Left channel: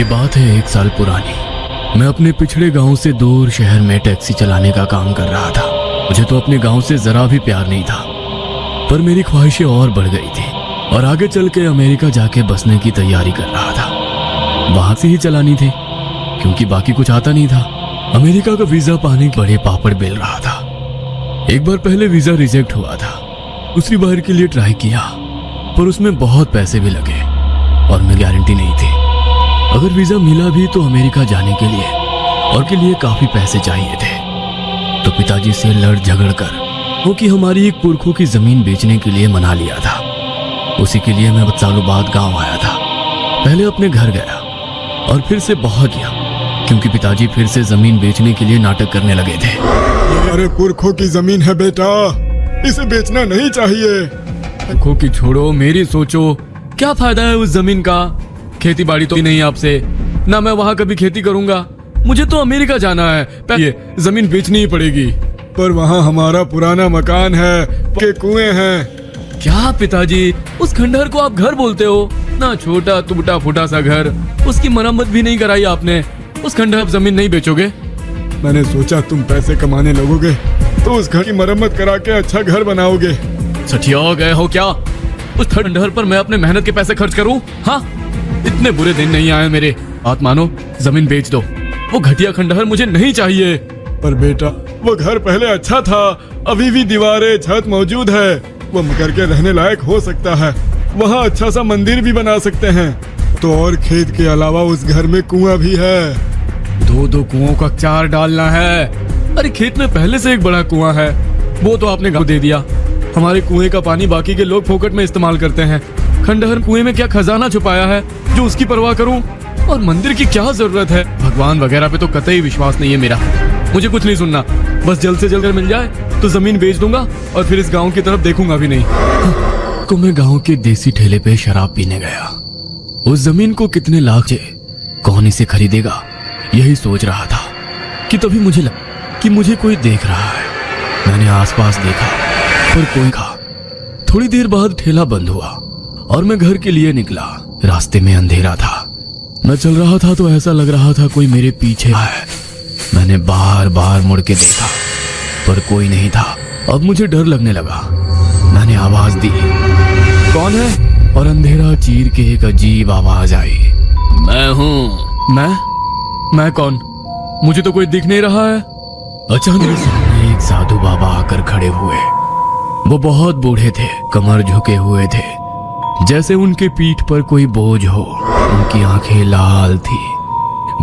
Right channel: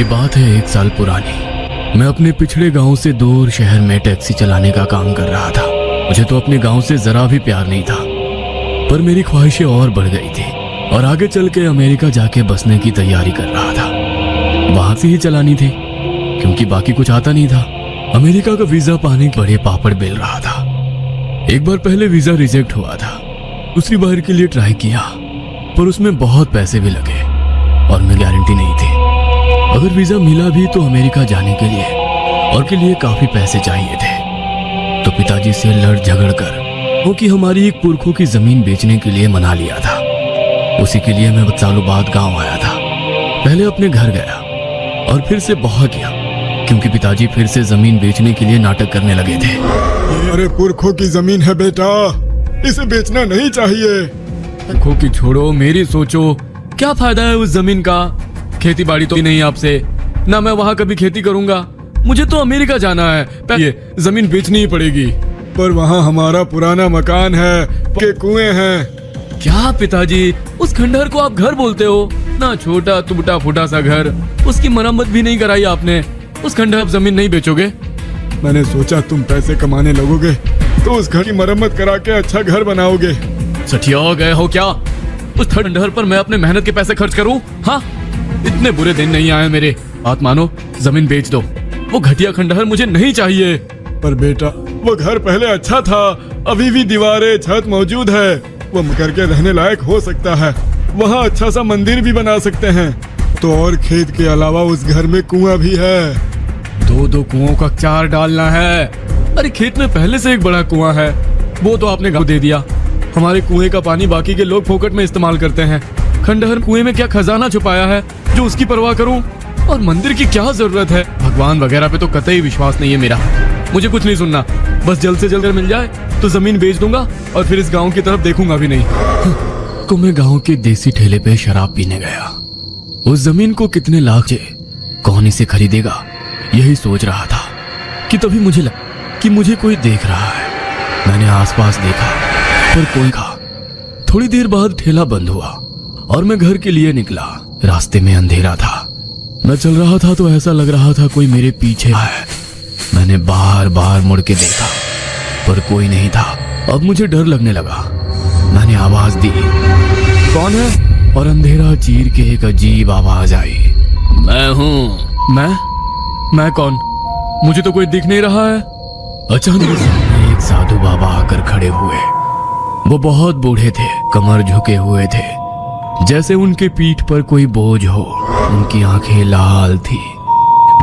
ये बात है 1 साल पुरानी। मैं अपने पिछड़े गांव से दूर शहर में टैक्सी चलाने का काम कर रहा था। मुझे तो अपने गांव से जरा भी प्यार नहीं था, पर मेरी ख्वाहिशें और बढ़ गई थी और आगे चल के अमेरिका जाके बसने की तैयारी कर रहा था। वहां से ही चलानी थी क्योंकि बाकी कुछ आता नहीं था। अमेरिका का वीजा पाने के बड़े पापड़ बेल रहा था। एक बार पहले वीजा रिजेक्ट हुआ था, दूसरी बार के लिए ट्राई किया, पर उसमें बहुत पैसे भी लगे और मैं गारंटी नहीं थी। अगर वीजा मिला भी तो अमेरिका जाने के लिए और के लिए काफी पैसे चाहिए थे। तो पिताजी से लड़ झगड़ कर क्योंकि हमारी एक पुरखों की जमीन बेचने के लिए मना लिया था। उसी के लिए मैं सालों बाद गांव आया था। पहले अपने घर गया और फिर से वहां गया क्योंकि पिताजी फिर से जमीन बेचने के लिए नाटक करने लगे थे। मेरे पुरखों की जमीन है बेटा, इसे बेचना नहीं चाहिए। पुरखों की छोड़ो, मेरी सोचो। क्या फायदा है उस जमीन का? खेती बाड़ी तो नहीं आपसे, ना मैं वहाँ कभी खेती करूंगा। मुझे तो अमेरिका जाना है, पहले जमीन बेचनी ही पड़ेगी। पर वहाँ हमारा पुराना मकान है, के कुएं हैं। क्या पिताजी, उस खंडहर को आप घर बोलते हो? ना छोटा टूटा फूटा सा घर, उसकी मरम्मत भी नहीं कराई आपने। उस खंडहर जमीन नहीं बेचोगे? मैंने सोचा तुम पैसे कमाने लगोगे तो उस घर की मरम्मत करा के अच्छा घर बनाओगे। सठिया हो गए हो क्या? उस खंडहर पर मैं अपने मेहनत के पैसे खर्च करूं? हाँ, इतने बुरे दिन नहीं आए मेरे। बात मानो, जमीन बेच दो। वो घटिया खंडहर मुझे नहीं चाहिए। पर बेटा, वो घर पहले अच्छा था, अभी भी दीवारें छत मौजूद है। वो मगर के रहने लायक हो सकता है। वहाँ अच्छा सा मंदिर भी बना सकते हैं। तो और खेत के अलावा उस घर में कुआं भी है। दो कुओं का 4 डालना है। अरे खेत में पहले से एक बड़ा कुआं है, वो तो आपने गाँव दे दिया। हमारे कुएं का पानी बाकी के लोग फोकट में इस्तेमाल करते हैं। खंडहर कुएं में क्या खजाना छुपाया है जो उसकी परवाह करूं? और मंदिर की क्या जरूरत है? भगवान वगैरह पे तो कतई विश्वास नहीं है मेरा। मुझे कुछ नहीं सुनना, बस जल्द से जल्द मिल जाए तो जमीन बेच दूंगा और फिर इस गांव की तरफ देखूंगा भी नहीं। तो मैं गांव के देसी ठेले पे शराब पीने गया। उस जमीन को कितने लाख चाहिए, कौन इसे खरीदेगा, यही सोच रहा था कि तभी मुझे लगा कि मुझे कोई देख रहा है। मैंने आसपास देखा पर कोई था। थोड़ी देर बाद ठेला बंद हुआ और मैं घर के लिए निकला। रास्ते में अंधेरा था। मैं चल रहा था तो ऐसा लग रहा था कोई मेरे पीछे है। मैंने बार बार मुड़ के देखा पर कोई नहीं था। अब मुझे डर लगने लगा। मैंने आवाज दी, कौन है? और अंधेरा चीर के एक अजीब आवाज आई, मैं हूँ। मैं कौन? मुझे तो कोई दिख नहीं रहा है। अचानक सामने एक साधु बाबा आकर खड़े हुए। वो बहुत बूढ़े थे, कमर झुके हुए थे, जैसे उनके पीठ पर कोई बोझ हो। उनकी आंखें लाल थी,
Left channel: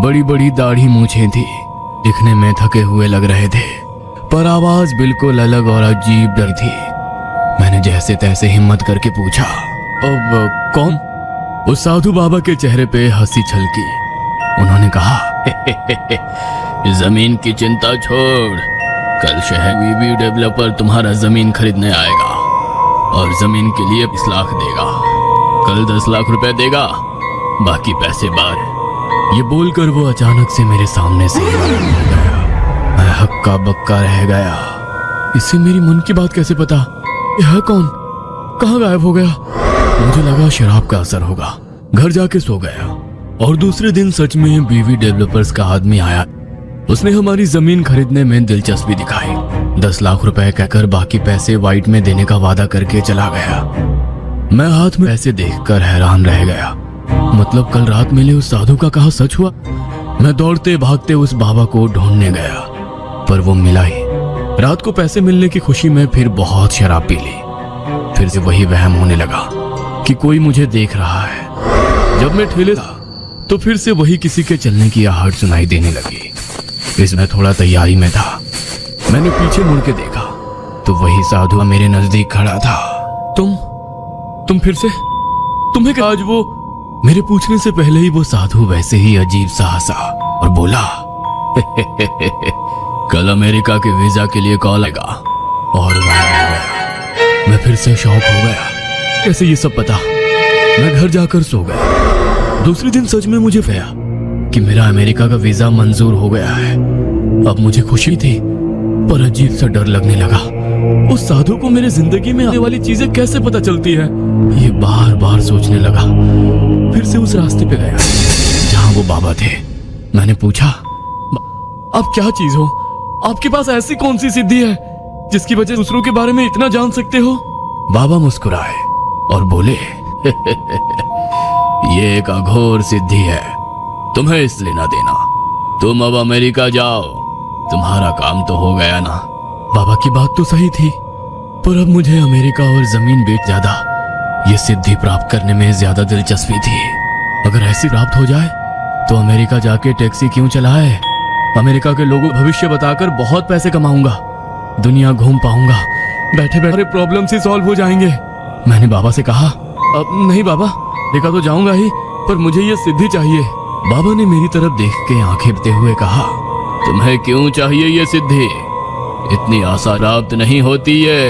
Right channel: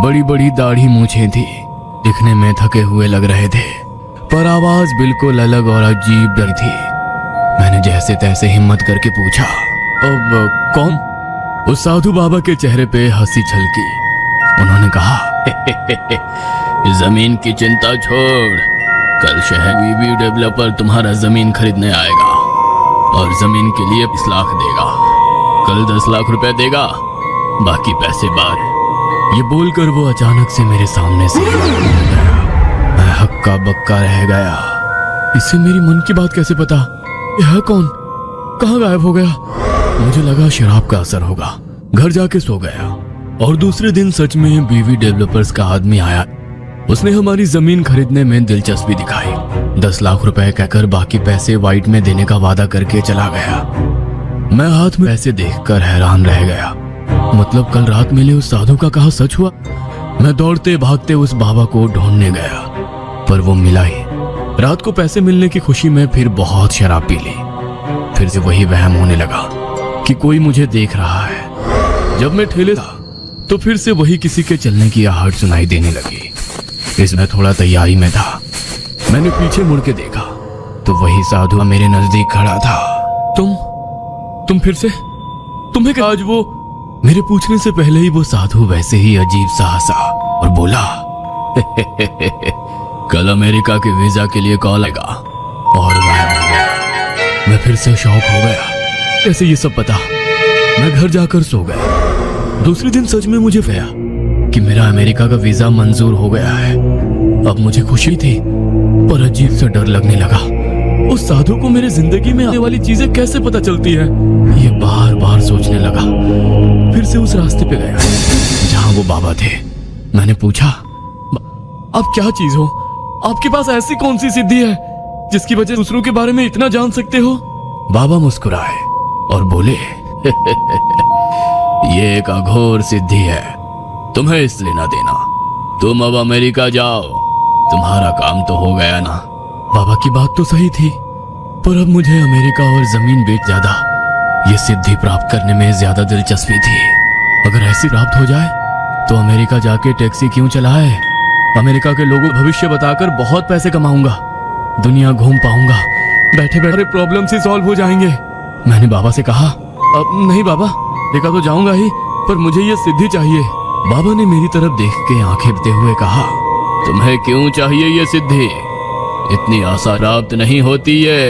बड़ी बड़ी दाढ़ी मूछें थी, दिखने में थके हुए लग रहे थे, पर आवाज बिल्कुल अलग और अजीब डर थी। मैंने जैसे तैसे हिम्मत करके पूछा, अब कौन? उस साधु बाबा के चेहरे पे हंसी छलकी। उन्होंने कहा, जमीन की चिंता छोड़, कल शहरी डेवलपर तुम्हारा जमीन खरीदने आएगा और जमीन के लिए 20 लाख देगा। कल 10 लाख रुपए देगा, बाकी पैसे बाद। ये बोलकर वो अचानक से मेरे सामने से गया। मैं हक्का बक्का रह गया। इससे मेरी मन की बात कैसे पता? यह है कौन? कहाँ गायब हो गया? मुझे लगा शराब का असर होगा। घर जाके सो गया और दूसरे दिन सच में बीवी डेवलपर्स का आदमी आया। उसने हमारी जमीन खरीदने में दिलचस्पी दिखाई। 10 लाख रुपए कहकर बाकी पैसे वाइट में देने का वादा करके चला गया। मैं हाथ में ऐसे देखकर हैरान रह गया। मतलब कल रात मिले उस साधु का कहा सच हुआ? मैं दौड़ते भागते उस बाबा को ढूंढने गया पर वो मिला ही। रात को पैसे मिलने की खुशी में फिर बहुत शराब पी ली। फिर से वही वहम होने लगा कि कोई मुझे देख रहा है। जब मैं ठेले था तो फिर से वही किसी के चलने की आहट सुनाई देने लगी। इसमें थोड़ा तैयारी में था। मैंने पीछे मुड़ के देखा तो वही साधु मेरे नजदीक खड़ा था। तुम फिर से? तुम्हें क्या? आज वो मेरे पूछने से पहले ही वो साधु वैसे ही अजीब सा हंसा और बोला, कल अमेरिका के वीजा के लिए कॉल आएगा। और मैं फिर से शॉक हो गया। कैसे ये सब पता? मैं घर जाकर सो गया। दूसरे दिन सच में मुझे गया कि मेरा अमेरिका का वीजा मंजूर हो गया है। अब मुझे खुशी थी पर अजीब सा डर लगने लगा। उस साधु को मेरी जिंदगी में आने वाली चीजें कैसे पता चलती है, ये बार बार सोचने लगा। फिर से उस रास्ते पे गया जहाँ वो बाबा थे। मैंने पूछा, आप क्या चीज हो? आपके पास ऐसी कौन सी सिद्धि है जिसकी वजह से दूसरों के बारे में इतना जान सकते हो? बाबा मुस्कुराए और बोले, ये एक अघोर सिद्धि है, तुम्हें इस लेना देना। तुम अब अमेरिका जाओ, तुम्हारा काम तो हो गया ना। बाबा की बात तो सही थी, पर अब मुझे अमेरिका और जमीन बेच ज्यादा ये सिद्धि प्राप्त करने में ज्यादा दिलचस्पी थी। अगर ऐसी प्राप्त हो जाए तो अमेरिका जाके टैक्सी क्यों चलाए? अमेरिका के लोगों को भविष्य बताकर बहुत पैसे कमाऊंगा, दुनिया घूम पाऊंगा, बैठे बैठे प्रॉब्लम से सॉल्व हो जाएंगे। मैंने बाबा से कहा, अब नहीं बाबा, देखा तो जाऊंगा ही, पर मुझे ये सिद्धि चाहिए। बाबा ने मेरी तरफ देख के आंखें भरते हुए कहा, तुम्हें क्यों चाहिए ये सिद्धि? इतनी आसान प्राप्त नहीं होती है।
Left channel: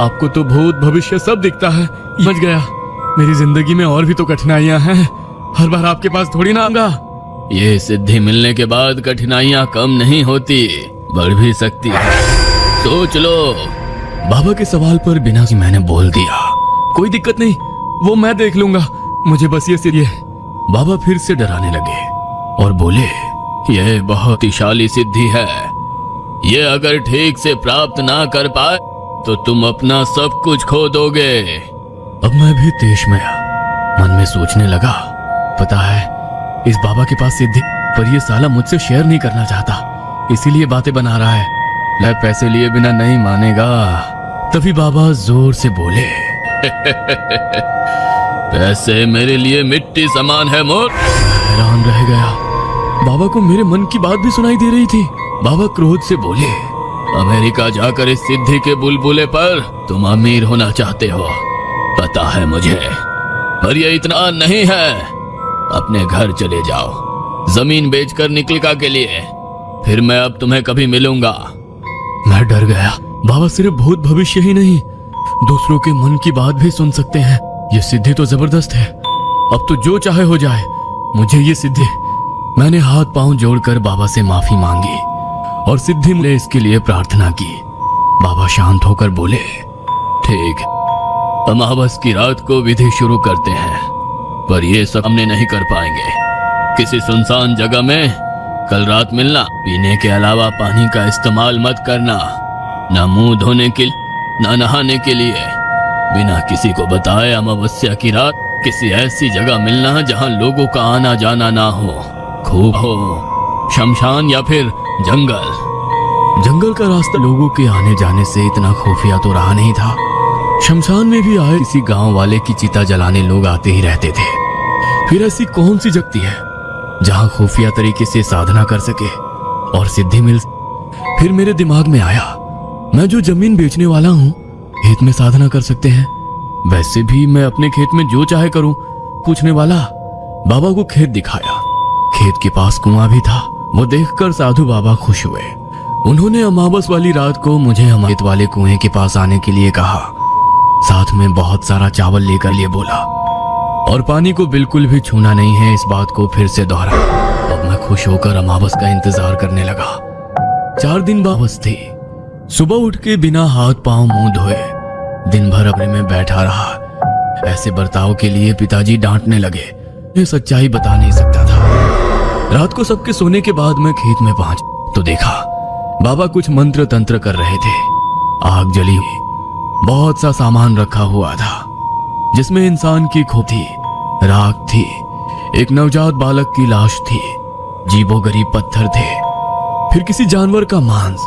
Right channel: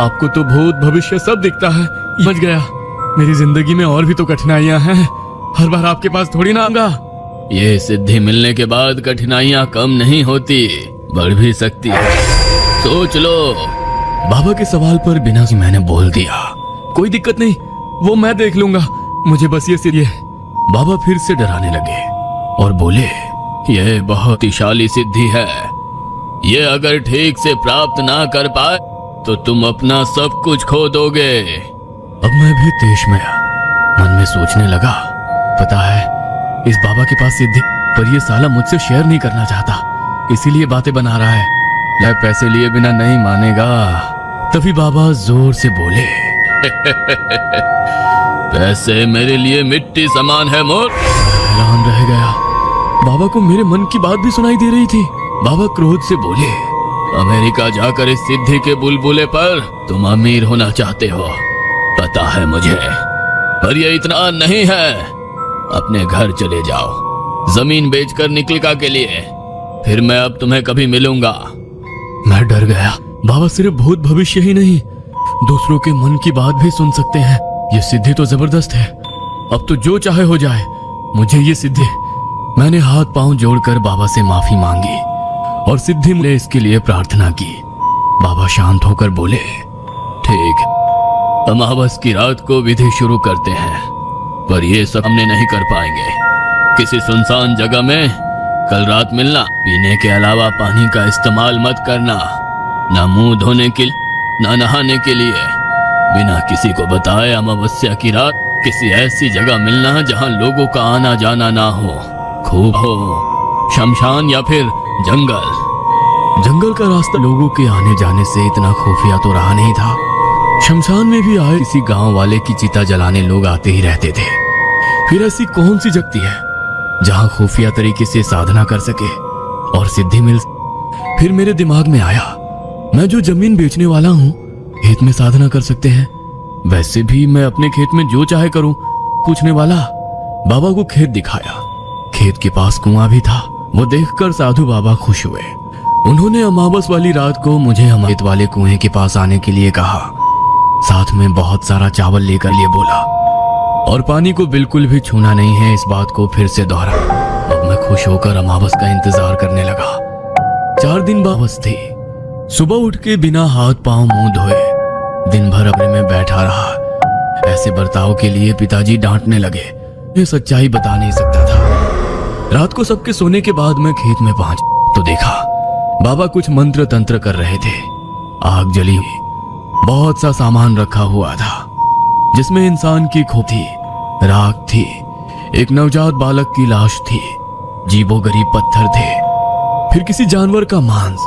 आपको तो भूत भविष्य सब दिखता है। बच गया, मेरी जिंदगी में और भी तो कठिनाइयां हैं, हर बार आपके पास थोड़ी ना आऊंगा। ये सिद्धि मिलने के बाद कठिनाइयां कम नहीं होती, बढ़ भी सकती है, सोच लो। बाबा के सवाल पर बिना से मैंने बोल दिया, कोई दिक्कत नहीं, वो मैं देख लूंगा, मुझे बस ये सिद्धि है। बाबा फिर से डराने लगे और बोले, यह बहुत ही शाली सिद्धि है, ये अगर ठीक से प्राप्त ना कर पाए तो तुम अपना सब कुछ खो दोगे। अब मैं भी देश में मन में सोचने लगा, पता है इस बाबा के पास सिद्धि, पर ये साला मुझसे शेयर नहीं करना चाहता, इसीलिए बातें बना रहा है। यार पैसे लिए बिना नहीं मानेगा। तभी बाबा जोर से बोले, पैसे मेरे लिए मिट्टी समान है मोर। हैरान रह गया, बाबा को मेरे मन की बात भी सुनाई दे रही थी। बाबा क्रोध से बोले, अमेरिका जाकर इस सिद्धि के बुलबुले पर तुम अमीर होना चाहते हो, पता है मुझे, पर ये इतना नहीं है। अपने घर चले जाओ, जमीन बेचकर निकलका के लिए, फिर मैं अब तुम्हें कभी मिलूंगा। मैं डर गया, बाबा सिर्फ भूत भविष्य ही नहीं, दूसरों के मन की बात भी सुन सकते हैं। ये सिद्धि तो जबरदस्त है, अब तो जो चाहे हो जाए, मुझे ये सिद्धि। मैंने हाथ पांव जोड़कर बाबा से माफी मांगी और सिद्धि मिले इसके लिए प्रार्थना की। बाबा शांत होकर बोले, ठीक, अमावस की रात को विधि शुरू करते हैं, पर ये सब हमने नहीं कर पाएंगे। किसी सुनसान जगह में कल रात मिलना, पीने के अलावा पानी का इस्तेमाल मत करना, ना मुंह धोने के ना नहाने के लिए, बिना किसी को बताए अमावस्या की रात किसी ऐसी जगह मिलना जहां लोगों का आना जाना ना हो, खूब हो, शमशान या फिर जंगल। जंगल का रास्ता लोगों के आने जाने से इतना खुफिया तो रहा नहीं था। शमशान में भी आए किसी गांव वाले की चिता जलाने लोग आते ही रहते थे। फिर ऐसी कौन सी जगती है जहां खुफिया तरीके से साधना कर सके और सिद्धि मिल। फिर मेरे दिमाग में आया, मैं जो जमीन बेचने वाला हूँ, खेत में साधना कर सकते हैं, वैसे भी मैं अपने खेत में जो चाहे करूं। पूछने वाला बाबा को खेत दिखाया, खेत के पास कुआं भी था। वो देखकर साधु बाबा खुश हुए। उन्होंने अमावस वाली रात को मुझे अमृत वाले कुएं के पास आने के लिए कहा, साथ में बहुत सारा चावल लेकर लिए बोला, और पानी को बिल्कुल भी छूना नहीं है, इस बात को फिर से दोहरा। अब मैं खुश होकर अमावस का इंतजार करने लगा। 4 दिन अमावस थी। सुबह उठ के बिना हाथ पांव मुंह धोए दिन भर अपने में बैठा रहा। ऐसे बर्ताव के लिए पिताजी डांटने लगे। मैं सच्चाई बता नहीं सकता था। रात को सबके सोने के बाद मैं खेत में पहुंच तो देखा बाबा कुछ मंत्र तंत्र कर रहे थे। आग जली हुई, बहुत सा सामान रखा हुआ था, जिसमें इंसान की खोपड़ी, राख थी, एक नवजात बालक की लाश थी, अजीबोगरीब पत्थर थे, फिर किसी जानवर का मांस,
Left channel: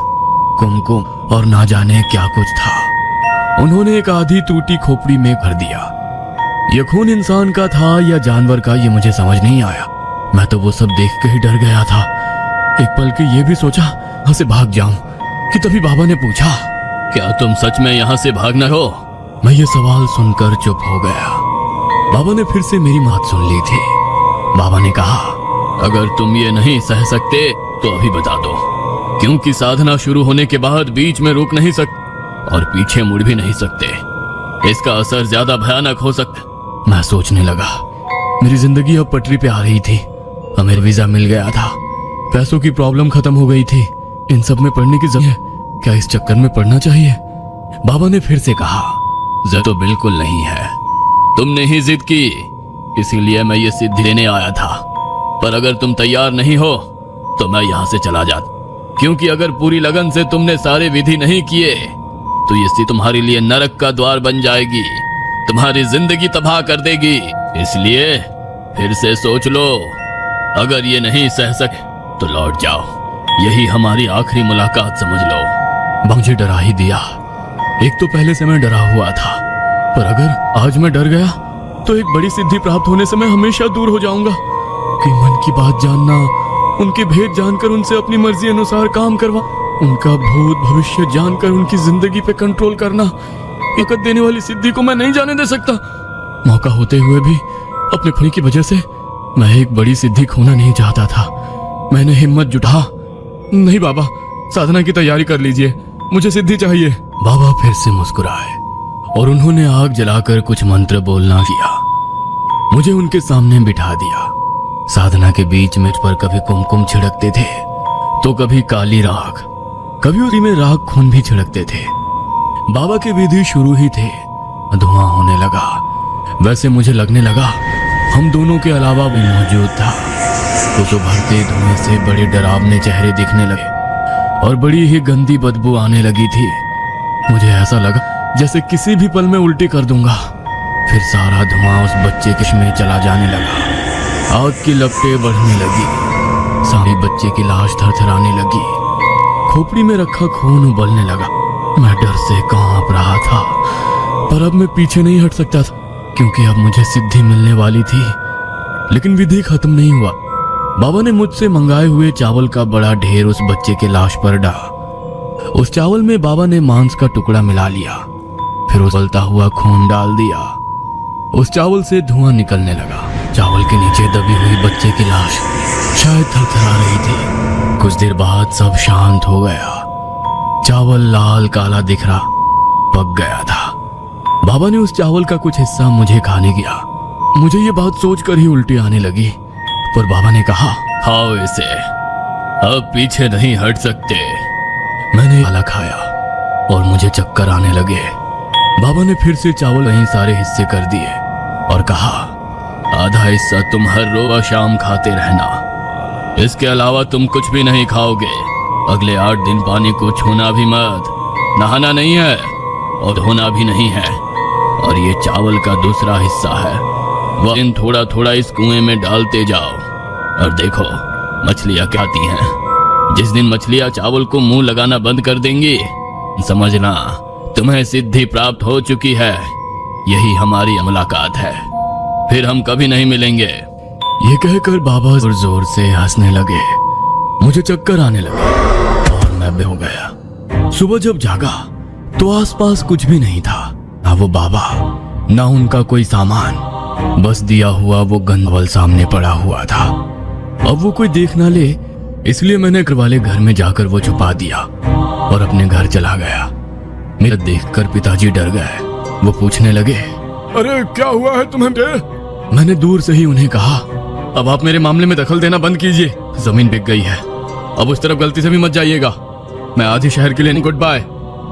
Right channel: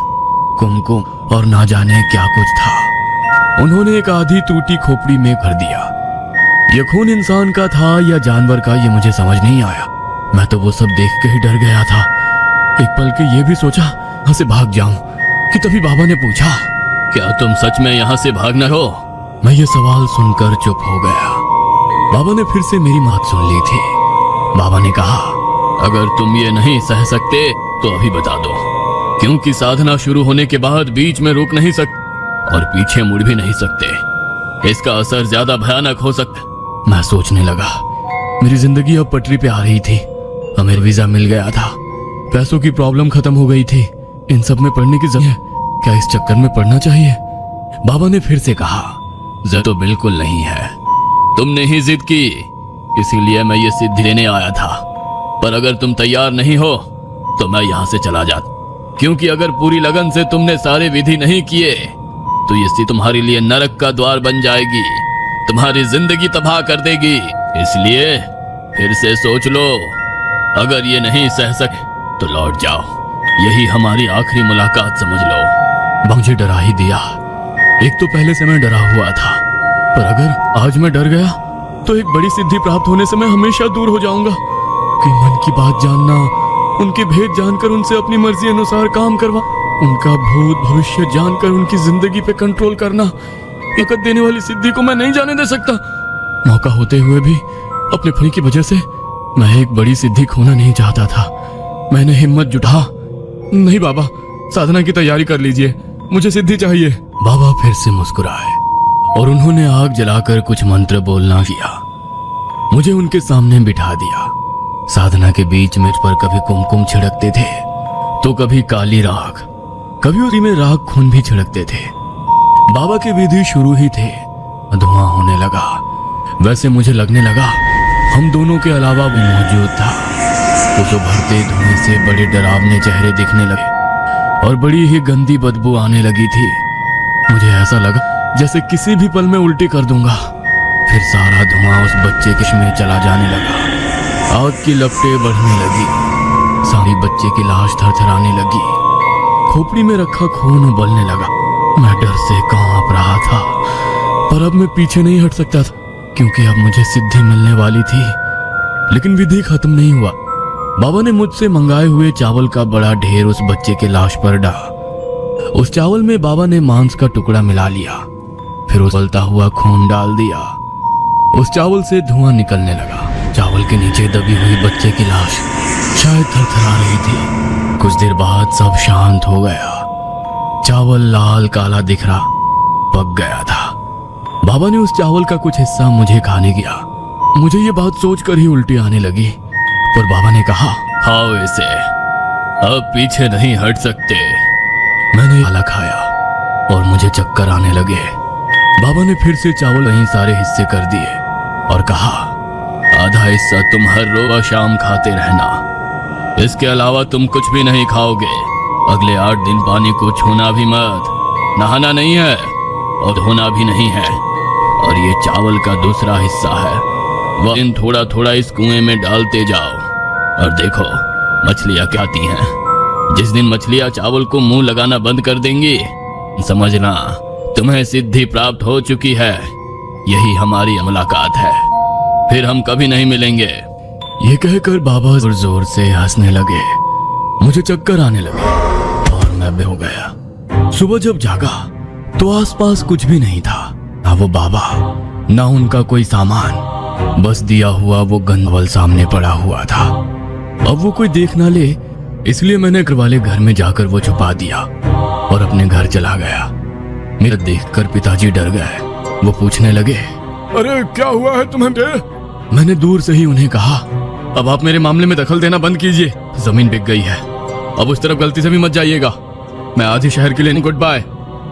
कुमकुम और ना जाने क्या कुछ था। उन्होंने एक आधी टूटी खोपड़ी में भर दिया। यह खून इंसान का था या जानवर का, यह मुझे समझ नहीं आया। मैं तो वो सब देख के ही डर गया था। एक पल के ये भी सोचा यहाँ से भाग जाऊं कि तभी बाबा ने पूछा, क्या तुम सच में यहाँ से भागना हो? मैं ये सवाल सुनकर चुप हो गया। बाबा ने फिर से मेरी बात सुन ली थी। बाबा ने कहा, अगर तुम ये नहीं सह सकते तो अभी बता दो, क्योंकि साधना शुरू होने के बाद बीच में रुक नहीं सकते और पीछे मुड़ भी नहीं सकते। इसका असर ज्यादा भयानक हो सकता। मैं सोचने लगा, मेरी जिंदगी अब पटरी पे आ रही थी। हमें वीजा मिल गया था, पैसों की प्रॉब्लम खत्म हो गई थी। इन सब में पढ़ने की जरूरत, क्या इस चक्कर में पढ़ना चाहिए? बाबा ने फिर से कहा, जिद तो बिल्कुल नहीं है, तुमने ही जिद की, इसीलिए मैं ये सिद्धि लेने आया था। पर अगर तुम तैयार नहीं हो तो मैं यहाँ से चला जाता, क्योंकि अगर पूरी लगन से तुमने सारे विधि नहीं किए तो ये स्थिति तुम्हारे लिए नरक का द्वार बन जाएगी, तुम्हारी जिंदगी तबाह कर देगी। इसलिए फिर से सोच लो, अगर ये नहीं सह सके तो लौट जाओ, यही हमारी आखिरी मुलाकात समझ लो। मुझे डरा ही दिया। एक तो पहले से मैं डरा हुआ था, पर अगर आज मैं डर गया तो एक बड़ी सिद्धि प्राप्त होने से मैं हमेशा दूर हो जाऊंगा। कि मन की बात जानना, उनके भेद जानकर उनसे अपनी मर्जी अनुसार काम करवा, उनका भूत भविष्य जानकर उनकी जिंदगी पे कंट्रोल करना, ताकत देने वाली सिद्धि को मैं नहीं जाने दे सकता। मौका होते हुए भी अपने फल की वजह से मैं एक बड़ी सिद्धि खोना नहीं चाहता था। मैंने हिम्मत जुटा, नहीं बाबा, साधना की तैयारी कर लीजिए, मुझे सिद्धि चाहिए। बाबा फिर से मुस्कुराए और उन्होंने आग जलाकर कुछ मंत्र बोलना किया। मुझे उनके सामने बिठा दिया। साधना के बीच मुझ पर कभी कुमकुम छिड़कते थे तो कभी काली राख, कभी उसी में राख खून भी छिड़कते थे। बाबा के विधि शुरू ही थे। धुआं होने लगा। वैसे मुझे लगने लगा हम दोनों के अलावा भी मौजूद था। उस उभरते धुएं से बड़े डरावने चेहरे दिखने लगे और बड़ी ही गंदी बदबू आने लगी थी। मुझे ऐसा लगा जैसे किसी भी पल में उल्टी कर दूंगा। फिर सारा धुआं उस बच्चे के में चला जाने लगा। आग की लपटें बढ़ने लगी। सारी बच्चे की लाश थरथराने लगी। खोपड़ी में रखा खून उबलने लगा। मैं डर से कांप रहा था, पर अब मैं पीछे नहीं हट सकता था, क्योंकि अब मुझे सिद्धि मिलने वाली थी। लेकिन विधि खत्म नहीं हुआ। बाबा ने मुझसे मंगाए हुए चावल का बड़ा ढेर उस बच्चे की लाश पर डाला। उस चावल में बाबा ने मांस का टुकड़ा मिला लिया, फिर उबलता हुआ खून डाल दिया। उस चावल से धुआं निकलने लगा। चावल के नीचे दबी हुई बच्चे की लाश शायद थरथरा रही थी। कुछ देर बाद सब शांत हो गया। चावल लाल काला दिख रहा, पक गया था। बाबा ने उस चावल का कुछ हिस्सा मुझे खाने दिया। मुझे ये बात सोचकर ही उल्टी आने लगी, पर बाबा ने कहा, खाओ इसे, अब पीछे नहीं हट सकते। मैंने काला खाया और मुझे चक्कर आने लगे। बाबा ने फिर से चावल वहीं सारे हिस्से कर दिए और कहा, आधा हिस्सा तुम हर रोज शाम खाते रहना, इसके अलावा तुम कुछ भी नहीं खाओगे। अगले 8 दिन पानी को छूना भी मत, नहाना नहीं है और धोना भी नहीं है। और ये चावल का दूसरा हिस्सा है, वह दिन थोड़ा थोड़ा इस कुएं में डालते जाओ और देखो मछलियां क्या आती हैं। जिस दिन मछलियां चावल को मुंह लगाना बंद कर देंगी, समझना तुम्हें सिद्धि प्राप्त हो चुकी है। यही हमारी मुलाकात है, फिर हम कभी नहीं मिलेंगे। ये कहकर बाबा जोर जोर से हंसने लगे। मुझे चक्कर आने लगे और मैं बे हो गया। सुबह जब जागा तो आसपास कुछ भी नहीं था, ना वो बाबा, ना उनका कोई सामान, बस दिया हुआ वो गंदवल सामने पड़ा हुआ था। अब वो कोई देख ना ले, इसलिए मैंने घर वाले घर में जाकर वो छुपा दिया और अपने घर चला गया। मेरा देखकर पिताजी डर गए। वो पूछने लगे, अरे क्या हुआ है तुम्हें बे? मैंने दूर से ही उन्हें कहा, अब आप मेरे मामले में दखल देना बंद कीजिए। जमीन बिक गई है, अब उस तरफ गलती से भी मत जाइएगा। मैं आज ही शहर के लिए गुड बाय।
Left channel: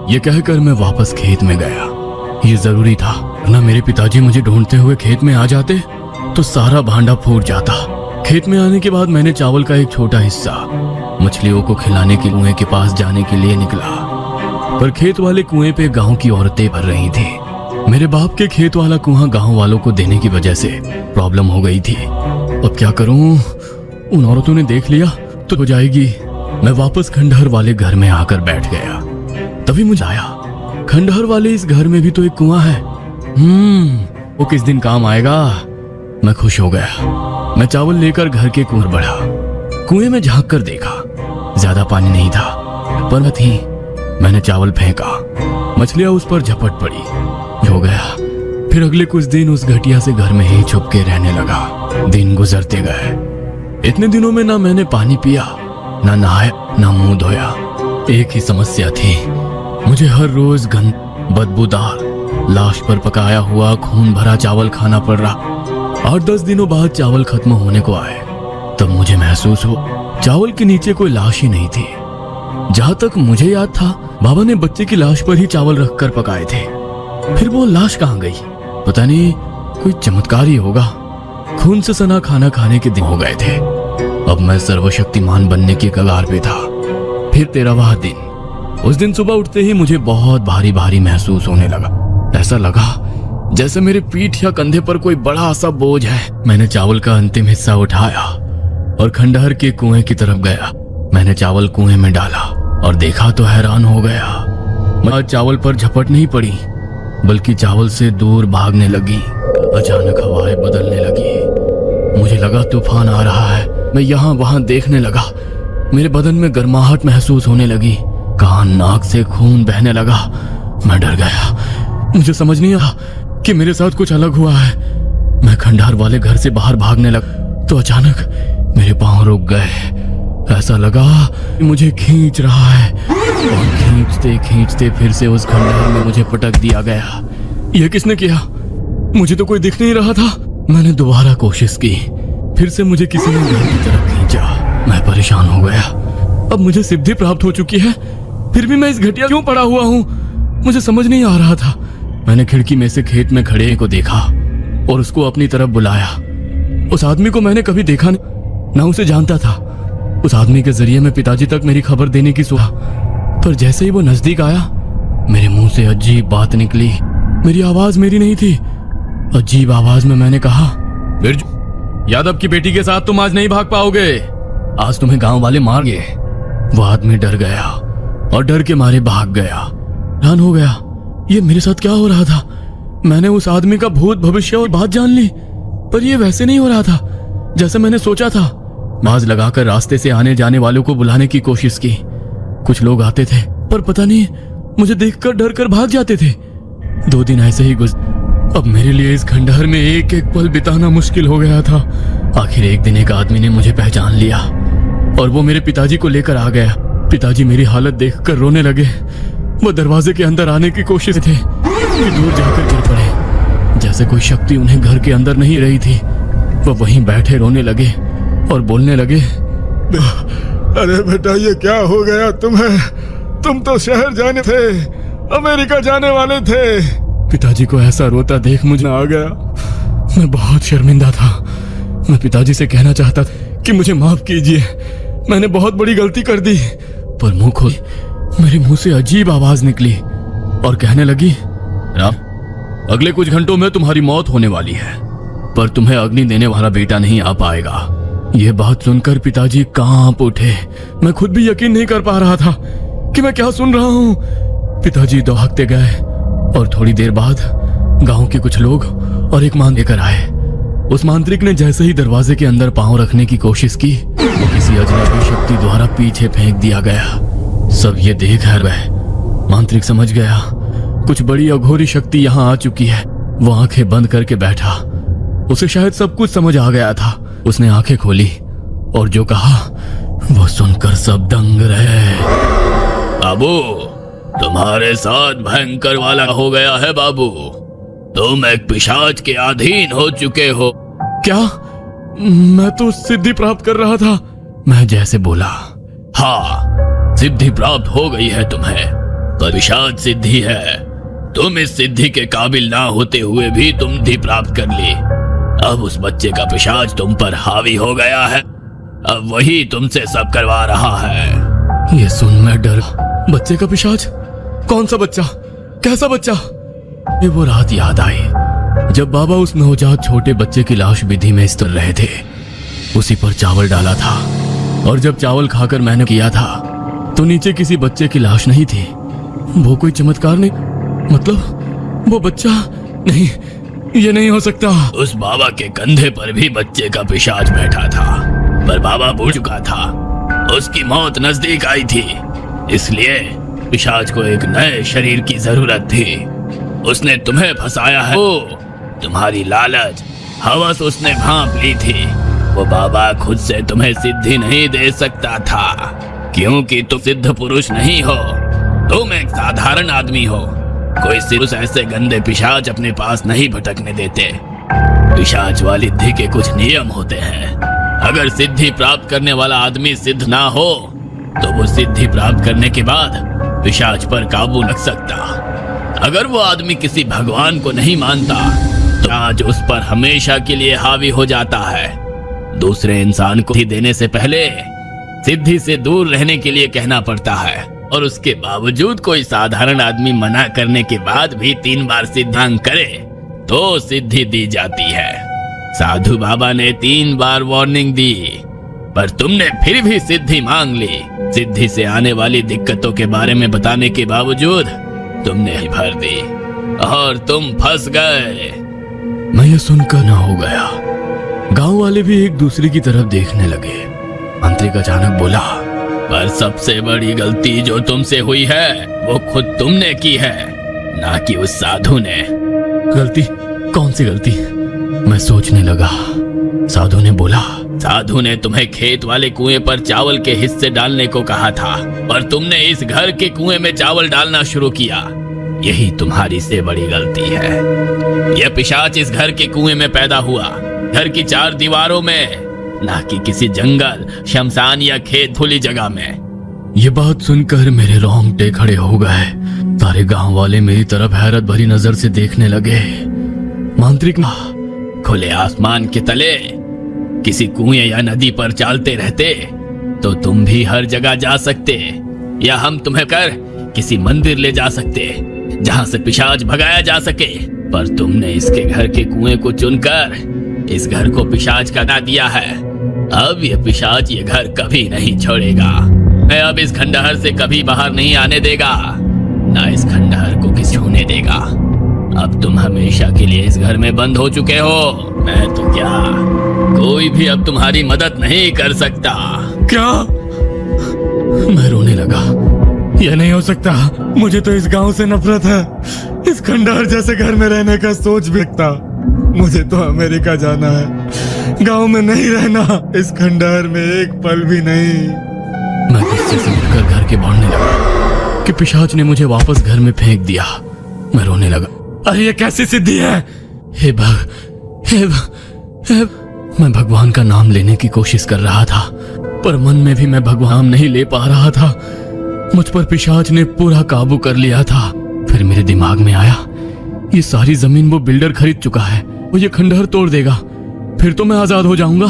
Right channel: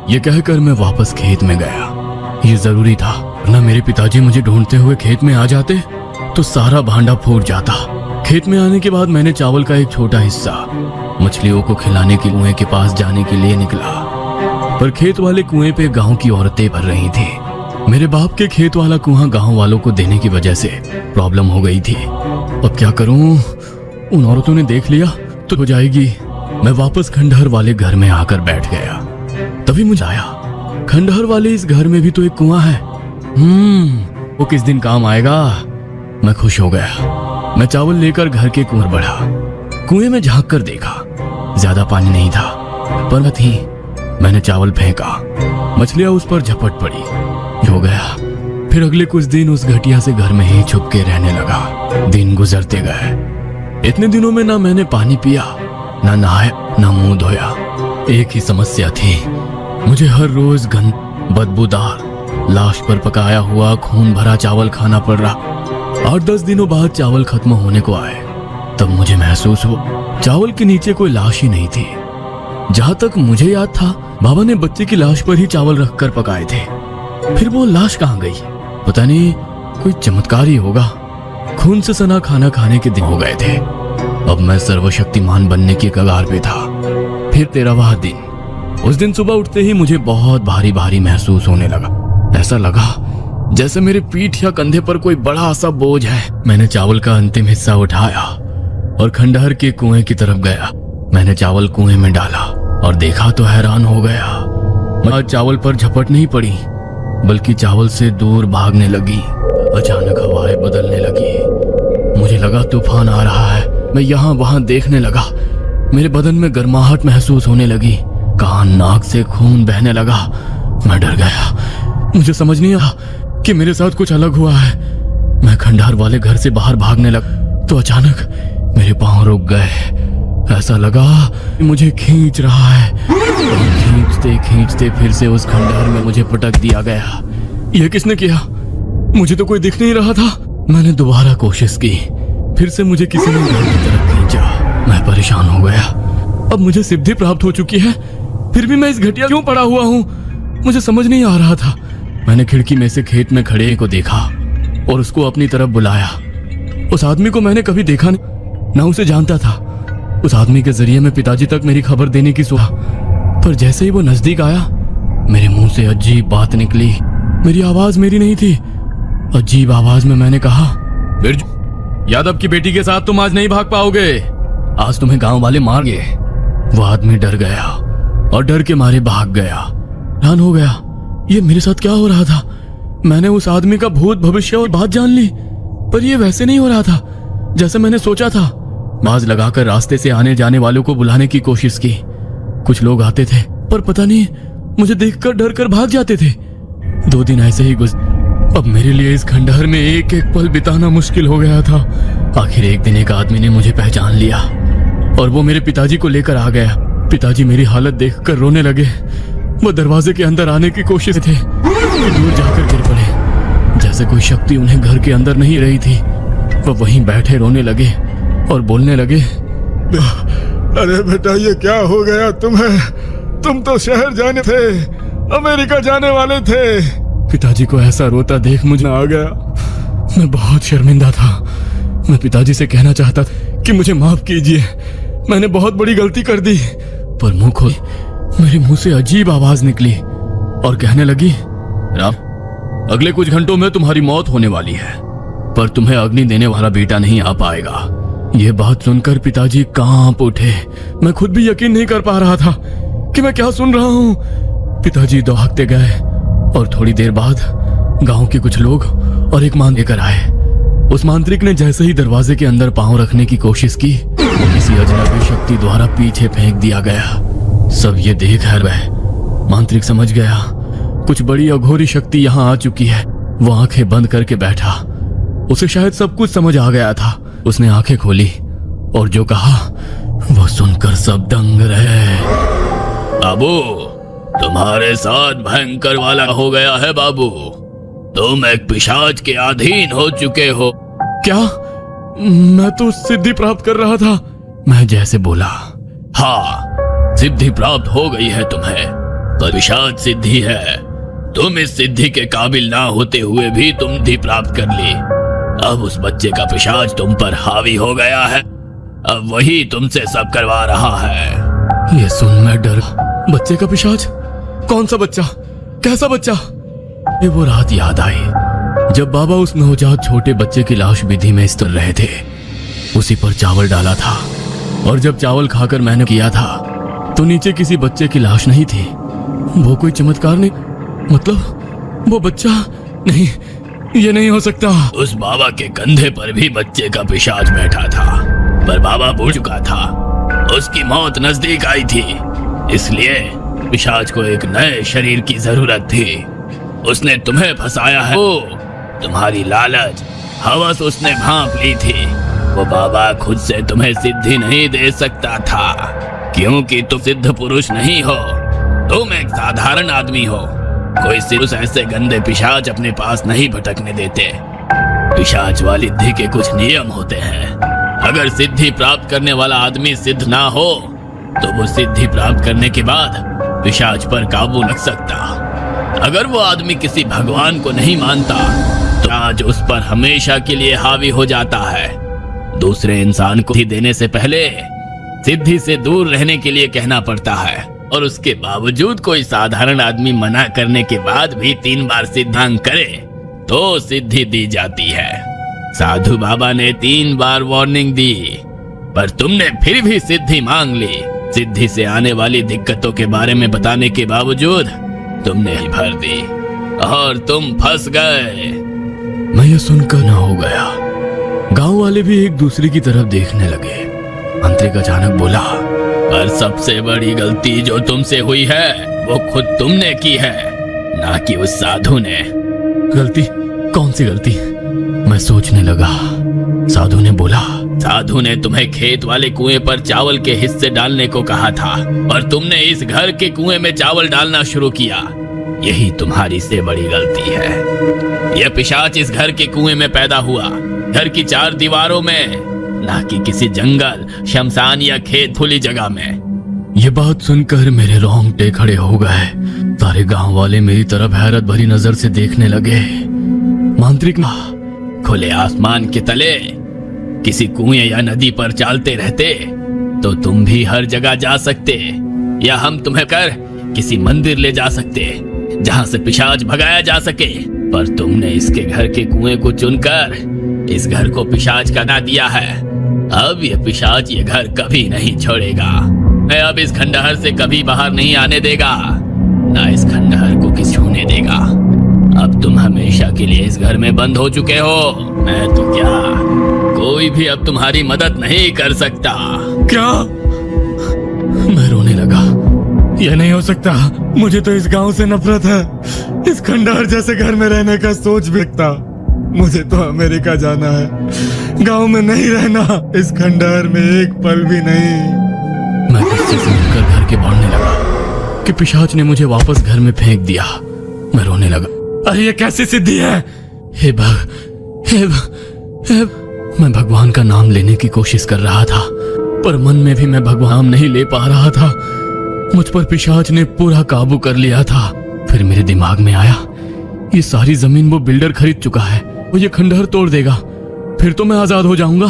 ये कहकर मैं वापस खेत में गया। ये जरूरी था, ना मेरे पिताजी मुझे ढूंढते हुए खेत में आ जाते तो सारा भांडा फूट जाता। खेत में आने के बाद मैंने चावल का एक छोटा हिस्सा मछलियों को खिलाने के कुएं के पास जाने के लिए निकला, पर खेत वाले कुएं पे गांव की औरतें भर रही थी। मेरे बाप के खेत वाला कुआं गांव वालों को देने की वजह से प्रॉब्लम हो गई थी। अब क्या करूं? उन औरतों ने देख लिया तो हो जाएगी। मैं वापस खंडहर वाले घर में आकर बैठ गया। तभी मुझे आया, खंडहर वाले इस घर में भी तो एक कुआं है। वो किस दिन काम आएगा। मैं खुश हो गया। मैं चावल लेकर घर के कुएं बढ़ा। कुएं में झांक कर देखा, ज्यादा पानी नहीं था, पर मैं थी। मैंने चावल फेंका, मछलियां उस पर झपट पड़ी, हो गया। फिर अगले कुछ दिन उस घटिया से घर में ही छुप के रहने लगा। दिन गुजरते गए। इतने दिनों में ना मैंने पानी पिया, ना नहाया, ना मुंह धोया। एक ही समस्या थी, मुझे हर रोज गंद बदबूदार लाश पर पकाया हुआ खून भरा चावल खाना पड़ रहा। 8-10 दिनों बाद चावल खत्म होने को आए, तब मुझे महसूस हो चावल के नीचे कोई लाश ही नहीं थी। जहाँ तक मुझे याद था, बाबा ने बच्चे की लाश पर ही चावल रखकर पकाए थे। फिर वो लाश कहाँ गई? पता नहीं, कोई चमत्कार ही होगा। खून से सना खाना खाने के दिन हो गए थे। अब मैं सर्वशक्तिमान बनने की कगार पे था। फिर 13वां दिन। उस दिन सुबह उठते ही मुझे बहुत भारी भारी महसूस होने लगा। ऐसा लगा जैसे मेरी पीठ या कंधे पर कोई बड़ा सा बोझ है। मैंने चावल का अंतिम हिस्सा उठाया और खंडहर के कुएं की तरफ गया। मैंने चावल कुएं में डाला और देखा तो हैरान हो गया। मैं चावल पर झपट नहीं पड़ी, बल्कि चावल से दूर भागने लगी। अचानक हवाएं बदलने लगी। मुझे लगा तूफान आ रहा है। मैं यहाँ वहां देखने लगा। मेरे बदन में गर्माहट महसूस होने लगी। कान नाक से खून बहने लगा। मैं डर गया। मुझे समझ नहीं आया कि मेरे साथ कुछ अलग हुआ है। मैं खंडहर वाले घर से बाहर भागने लगा तो अचानक मेरे पांव रुक गए। ऐसा लगा कि मुझे खींच रहा है। खींचते खींचते फिर से उस खंडहर में मुझे पटक दिया गया। ये किसने किया? मुझे तो कोई दिख नहीं रहा था। मैंने दोबारा कोशिश की। फिर से मुझे किसी ने घर की तरफ खींचा। मैं परेशान हो गया। अब मुझे सिद्धि प्राप्त हो चुकी है, फिर भी मैं इस घटिया क्यों पड़ा हुआ हूँ? मुझे समझ नहीं आ रहा था। मैंने खिड़की में से खेत में खड़े को देखा और उसको अपनी तरफ बुलाया। उस आदमी को मैंने कभी देखा नहीं, मैं उसे जानता था। उस आदमी के जरिए मैं पिताजी तक मेरी खबर देने की सोचा, पर जैसे ही वो नजदीक आया मेरे मुंह से अजीब बात निकली। मेरी आवाज मेरी नहीं थी। अजीब आवाज में मैंने कहा, बिरजू, यादव की बेटी के साथ तुम आज नहीं भाग पाओगे। आज तुम्हें गांव वाले मार गए। वो आदमी डर गया और डर के मारे भाग गया। हैरान हो गया, ये मेरे साथ क्या हो रहा था? मैंने उस आदमी का भूत भविष्य और बात जान ली, पर ये वैसे नहीं हो रहा था जैसे मैंने सोचा था। बाज लगाकर रास्ते से आने जाने वालों को बुलाने की कोशिश की। कुछ लोग आते थे, पर पता नहीं मुझे देखकर डर कर भाग जाते थे। 2 दिन ऐसे ही अब मेरे लिए इस खंडहर में एक एक पल बिताना मुश्किल हो गया था। आखिर एक दिन एक आदमी ने मुझे पहचान लिया और वो मेरे पिताजी को लेकर आ गया। पिताजी मेरी हालत देखकर रोने लगे। वो दरवाजे के अंदर आने की कोशिश थे, दूर जाकर गिर पड़े। जैसे कोई शक्ति उन्हें घर के अंदर नहीं रही थी। वो वहीं बैठे रोने लगे और बोलने लगे, अरे बेटा, ये क्या हो गया तुम्हें? तुम तो शहर जाने थे, अमेरिका जाने वाले थे। पिताजी को ऐसा रोता देख मुझे आ गया। मैं बहुत शर्मिंदा था। मैं पिताजी से कहना चाहता था कि मुझे माफ कीजिए, मैंने बहुत बड़ी गलती कर दी। पर मुंह खोल मेरे मुंह से अजीब आवाज निकली और कहने लगी, राम, अगले कुछ घंटों में तुम्हारी मौत होने वाली है, पर तुम्हें अग्नि देने वाला बेटा नहीं आ पाएगा। यह बात सुनकर पिताजी कांप उठे। मैं खुद भी यकीन नहीं कर पा रहा था कि मैं क्या सुन रहा हूँ। पिताजी दौड़ते गए और थोड़ी देर बाद गांव के कुछ लोग और एक मां लेकर आए। उस मांत्रिक ने जैसे ही दरवाजे के अंदर पांव रखने की कोशिश की, वो किसी अजनबी शक्ति द्वारा पीछे फेंक दिया गया। सब ये देख रहे। मांत्रिक समझ गया कुछ बड़ी अघोरी शक्ति यहाँ आ चुकी है। वो आंखें बंद करके बैठा। उसे शायद सब कुछ समझ आ गया था। उसने आंखें खोली और जो कहा वो सुनकर सब दंग रहे। बाबू, तुम्हारे साथ भयंकर वाला हो गया है बाबू। तुम एक पिशाच के अधीन हो चुके हो। क्या? मैं तो सिद्धि प्राप्त कर रहा था। मैं जैसे बोला, हाँ, सिद्धि प्राप्त हो गई है तुम्हें, पर पिशाच सिद्धि है। तुम इस सिद्धि के काबिल ना होते हुए भी तुम सिद्धि प्राप्त कर ली। अब उस बच्चे का पिशाच तुम पर हावी हो गया है। अब वही तुमसे सब करवा रहा है। ये सुन मैं डरा। बच्चे का पिशाच? कौन सा बच्चा? कैसा बच्चा? ये वो रात याद आई जब बाबा उस नवजात छोटे बच्चे की लाश विधि में स्तर रहे थे। उसी पर चावल डाला था और जब चावल खाकर मैंने किया था तो नीचे किसी बच्चे की लाश नहीं थी। वो कोई चमत्कार नहीं, मतलब वो बच्चा नहीं, ये नहीं हो सकता। उस बाबा के कंधे पर भी बच्चे का पिशाच बैठा था, पर बाबा भूल चुका था। उसकी मौत नजदीक आई थी, इसलिए पिशाच को एक नए शरीर की जरूरत थी। उसने तुम्हें फंसाया है। तुम्हारी लालच, हवस उसने भांप ली थी। वो बाबा खुद से तुम्हें सिद्धि नहीं दे सकता था, क्योंकि तुम सिद्ध पुरुष नहीं हो। तुम एक साधारण आदमी हो। कोई सिर्फ ऐसे गंदे पिशाच अपने पास नहीं भटकने देते। पिशाच वाली सिद्धि के कुछ नियम होते हैं। अगर सिद्धि प्राप्त करने वाला आदमी सिद्ध ना हो तो वो सिद्धि प्राप्त करने के बाद पिशाच पर काबू नहीं सकता। अगर वो आदमी किसी भगवान को नहीं मानता आज उस पर हमेशा के लिए हावी हो जाता है। दूसरे इंसान को देने से पहले सिद्धि से दूर रहने के लिए कहना पड़ता है, और उसके बावजूद कोई साधारण आदमी मना करने के बाद भी 3 बार सिद्धांत करे तो सिद्धि दी जाती है। साधु बाबा ने 3 बार वार्निंग दी, पर तुमने फिर भी सिद्धि मांग ली। सिद्धि से आने वाली दिक्कतों के बारे में बताने के बावजूद तुमने ही भर दी और तुम फंस गए। मैं ये सुनकर न हो गया। गांव वाले भी एक दूसरे की तरफ देखने लगे। मांत्रिक अचानक बोला, पर सबसे बड़ी गलती जो तुमसे हुई है वो खुद तुमने की है, ना कि उस साधु ने। गलती? कौन सी गलती? मैं सोचने लगा। साधु ने बोला, साधु ने तुम्हें खेत वाले कुएं पर चावल के हिस्से डालने को कहा था, और तुमने इस घर के कुएं में चावल डालना शुरू किया। यही तुम्हारी से बड़ी गलती है। यह पिशाच इस घर के कुएं में पैदा हुआ, घर की 4 दीवारों में, ना कि किसी जंगल, शमशान या खेत खुली जगह में। ये बात सुनकर मेरे रोंगटे खड़े हो गए। सारे गांव वाले मेरी तरफ हैरत भरी नजर से देखने लगे। मांत्रिक, खुले आसमान के तले किसी कुएं या नदी पर चालते रहते तो तुम भी हर जगह जा सकते, या हम तुम्हें कर किसी मंदिर ले जा सकते जहां से पिशाच भगाया जा सके। पर तुमने इसके घर के कुएं को चुनकर इस घर को पिशाच का बना दिया है। अब ये पिशाच ये घर कभी नहीं छोड़ेगा। मैं अब इस खंडहर से कभी बाहर नहीं आने देगा, ना इस खंडहर को किसी होने देगा। अब तुम हमेशा के लिए इस घर में बंद हो चुके हो। मैं तो क्या, कोई भी अब तुम्हारी मदद नहीं कर सकता। क्या? मैं रोने लगा। यह नहीं हो सकता। मुझे तो इस गांव से नफरत है। इस खंडहर जैसे घर में रहने का सोच भी लगता। मुझे तो अमेरिका जाना है, गांव में नहीं रहना। इस खंडहर में एक पल भी नहीं। मैं किससे सुनकर घर के बोलने लगा कि पिशाच ने मुझे वापस घर में फेंक दिया। मैं रोने लगा। अरे ये कैसी सिद्धि है? हे मैं भगवान का नाम लेने की कोशिश कर रहा था, पर मन में भी मैं भगवान नहीं ले पा रहा था। मुझ पर पिशाच ने पूरा काबू कर लिया था। फिर मेरे दिमाग में आया, ये सारी जमीन वो बिल्डर खरीद चुका है, वो ये खंडहर तोड़ देगा, फिर तो मैं आजाद हो जाऊंगा।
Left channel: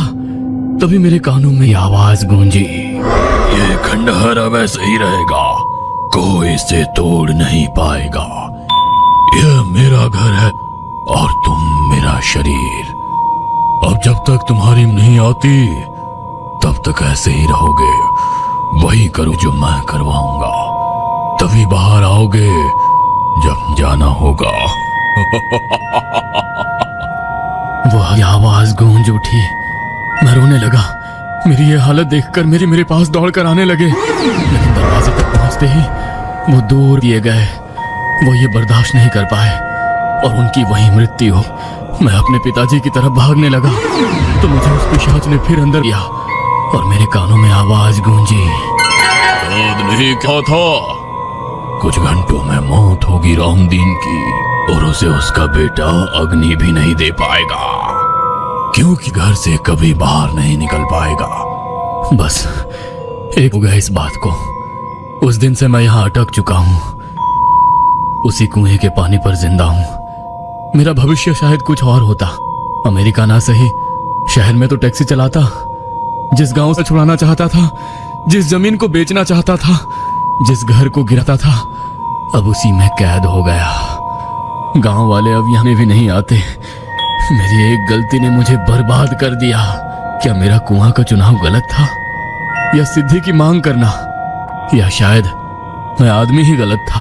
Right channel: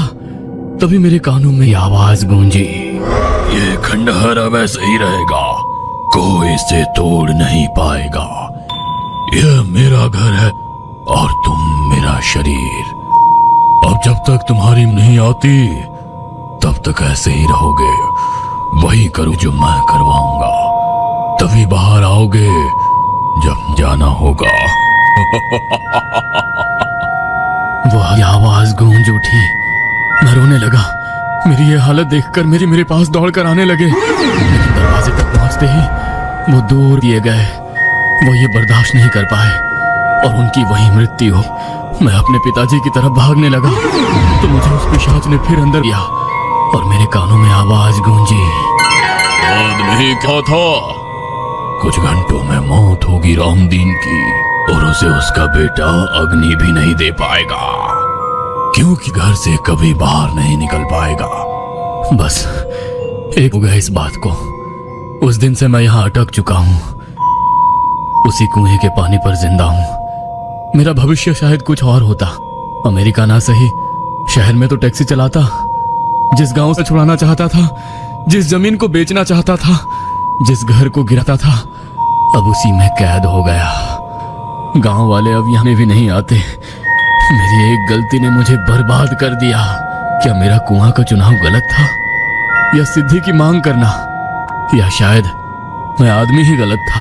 तभी मेरे कानों में आवाज गूंजी, ये खंडहर अब ऐसा ही रहेगा, कोई इसे तोड़ नहीं पाएगा। यह मेरा घर है और तुम मेरा शरीर। अब जब तक तुम्हारी नहीं आती तब तक ऐसे ही रहोगे। वही करो जो मैं करवाऊंगा, तभी बाहर आओगे जब जाना होगा। वह आवाज गूंज उठी। मैं रोने लगा। मेरी ये हालत देखकर मेरे पास दौड़कर आने लगे। लेकिन दरवाजे तक पहुंचते ही वो दूर दिए गए। वो ये बर्दाश्त नहीं कर पाए और उनकी वही मृत्यु। मैं अपने पिताजी की तरफ भागने लगा तो मुझे उस पिशाच ने फिर अंदर लिया और मेरे कानों में आवाज गूंजी, नहीं क्या था, कुछ घंटों में मौत होगी रामदीन की, और उसे उसका बेटा अग्नि भी नहीं दे पाएगा, क्योंकि घर से कभी बाहर नहीं निकल पाएगा। बस एक हो गया इस बात को। उस दिन से मैं यहाँ अटक चुका हूँ, उसी कुएं के पानी पर जिंदा हूँ। मेरा भविष्य शायद कुछ और होता। अमेरिका ना सही, शहर में तो टैक्सी चलाता। जिस गांव से छुड़ाना चाहता था, जिस जमीन को बेचना चाहता था, जिस घर को गिराता था, अब उसी में कैद हो गया। गांव वाले अब यहाँ भी नहीं आते। मेरी एक गलती ने मुझे बर्बाद कर दिया। क्या मेरा कुआं का चुनाव गलत था, या सिद्धि की मांग करना, या शायद मैं आदमी ही गलत था?